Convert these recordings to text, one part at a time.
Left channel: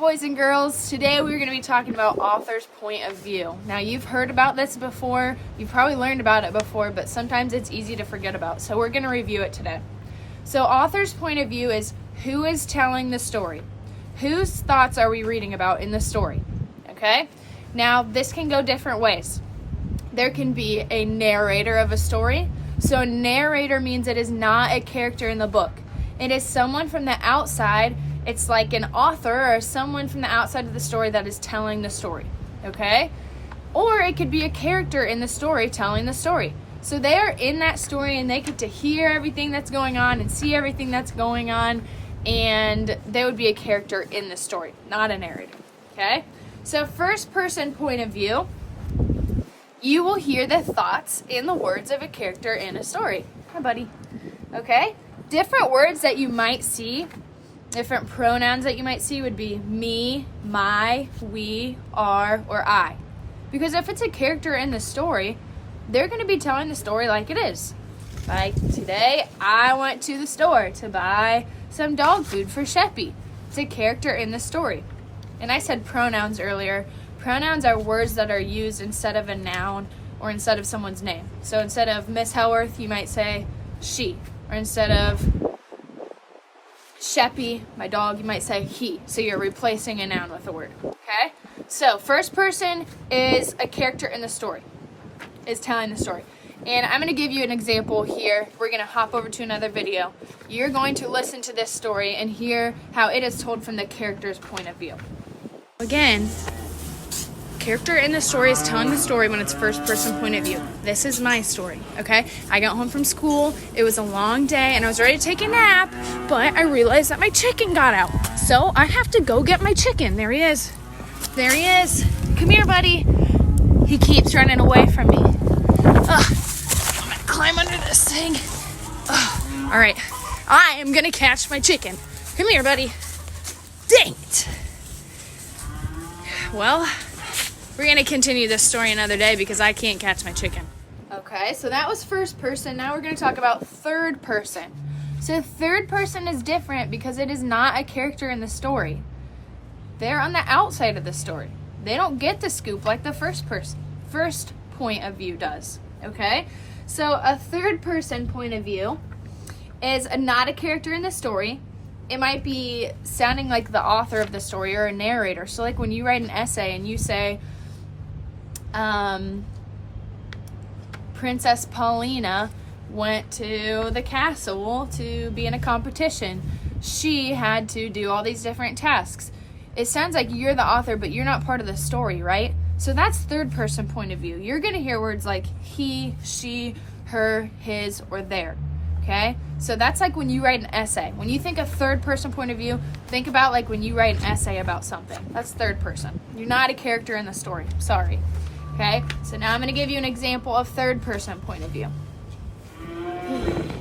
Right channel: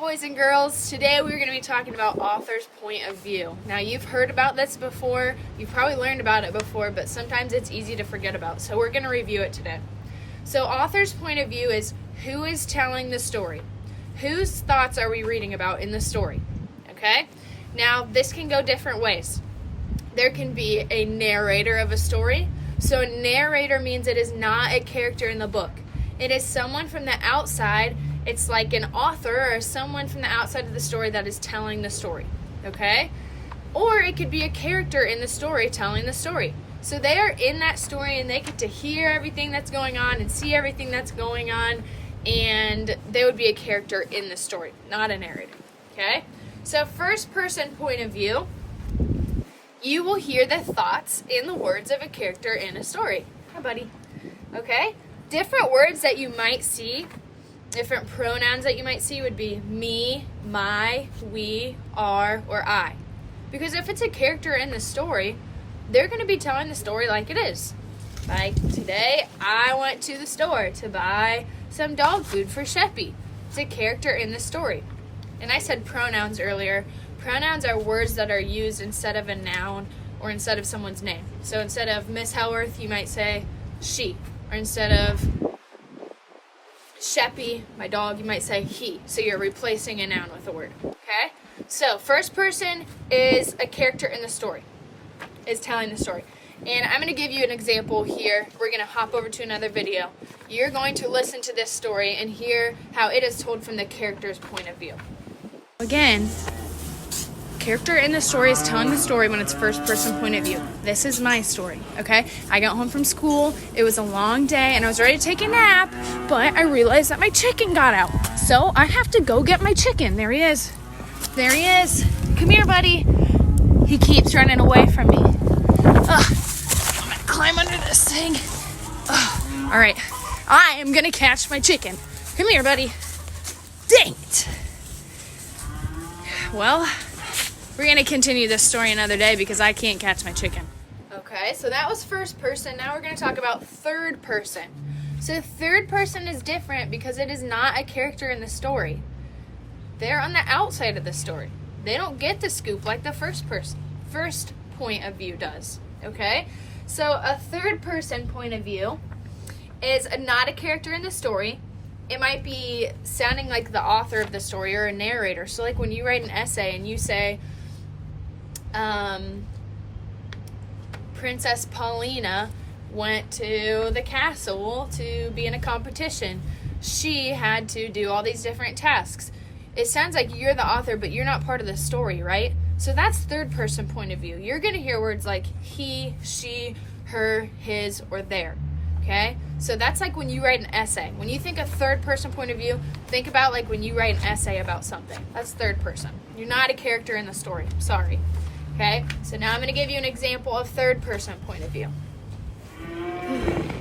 boys and girls, today we're going to be talking about author's point of view. Now you've heard about this before, you've probably learned about it before, but sometimes it's easy to forget about, so we're going to review it today. So author's point of view is who is telling the story. Whose thoughts are we reading about in the story? Okay? Now this can go different ways. There can be a narrator of a story. So a narrator means it is not a character in the book. It is someone from the outside. It's like an author or someone from the outside of the story that is telling the story, okay? Or it could be a character in the story telling the story. So they are in that story and they get to hear everything that's going on and see everything that's going on, and they would be a character in the story, not a narrator, okay? So first person point of view, you will hear the thoughts and the words of a character in a story. Hi, buddy. Okay? Different words that you might see, different pronouns that you might see would be me, my, we, our, or I. Because if it's a character in the story, they're going to be telling the story like it is. Like, today I went to the store to buy some dog food for Sheppy. It's a character in the story. And I said pronouns earlier. Pronouns are words that are used instead of a noun or instead of someone's name. So instead of Miss Helworth, you might say she. Or instead of Sheppy, my dog, you might say he. So you're replacing a noun with a word, okay? So first person is a character in the story, is telling the story. And I'm going to give you an example here. We're going to hop over to another video. You're going to listen to this story and hear how it is told from the character's point of view. Again, character in the story is telling the story when it's first person point of view. This is my story, okay? I got home from school, it was a long day, and I was ready to take a nap, but I realized that my chicken got out. So I have to go get my chicken. There he is. There he is. Come here, buddy. He keeps running away from me. I'm gonna climb under this thing. All right, I am gonna catch my chicken. Come here, buddy. Dang it. Well, we're going to continue this story another day because I can't catch my chicken. Okay, so that was first person. Now we're going to talk about third person. So third person is different because it is not a character in the story. They're on the outside of the story. They don't get the scoop like the first point of view does. Okay, so a third person point of view is not a character in the story. It might be sounding like the author of the story or a narrator. So like when you write an essay and you say, Princess Paulina went to the castle to be in a competition. She had to do all these different tasks. It sounds like you're the author, but you're not part of the story, right? So that's third person point of view. You're going to hear words like he, she, her, his, or their. Okay? So that's like when you write an essay. When you think of third person point of view, think about like when you write an essay about something. That's third person. You're not a character in the story. Sorry. Okay? So now I'm going to give you an example of third person point of view.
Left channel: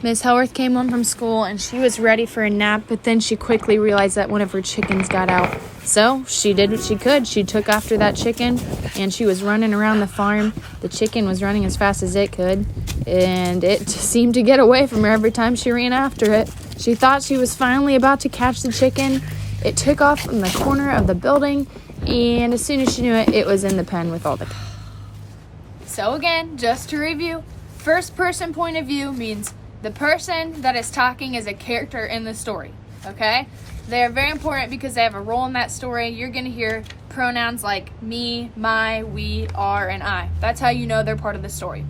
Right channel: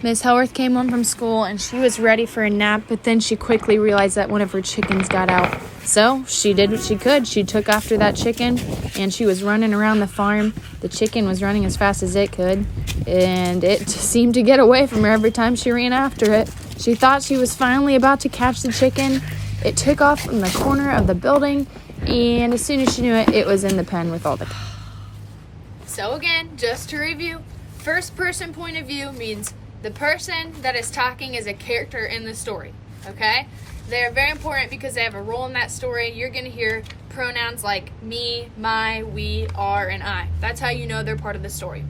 Miss Helworth came home from school and she was ready for a nap, but then she quickly realized that one of her chickens got out. So she did what she could. She took after that chicken and she was running around the farm. The chicken was running as fast as it could, and it seemed to get away from her every time she ran after it. She thought she was finally about to catch the chicken. It took off from the corner of the building, and as soon as she knew it, it was in the pen with all the... So again, just to review, first person point of view means the person that is talking is a character in the story, okay? They're very important because they have a role in that story. You're going to hear pronouns like me, my, we, our, and I. That's how you know they're part of the story.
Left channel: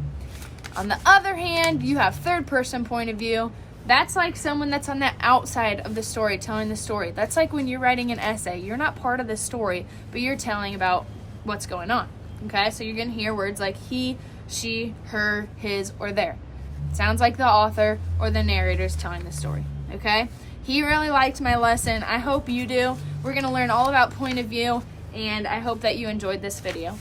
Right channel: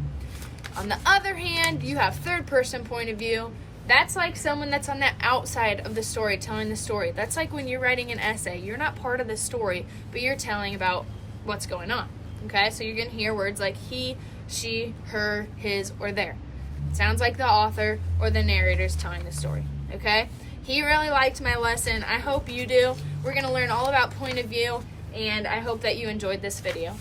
On the other hand, you have third person point of view. That's like someone that's on the outside of the story telling the story. That's like when you're writing an essay. You're not part of the story, but you're telling about what's going on, okay? So you're going to hear words like he, she, her, his, or their. Sounds like the author or the narrator's telling the story, okay? He really liked my lesson. I hope you do. We're going to learn all about point of view, and I hope that you enjoyed this video.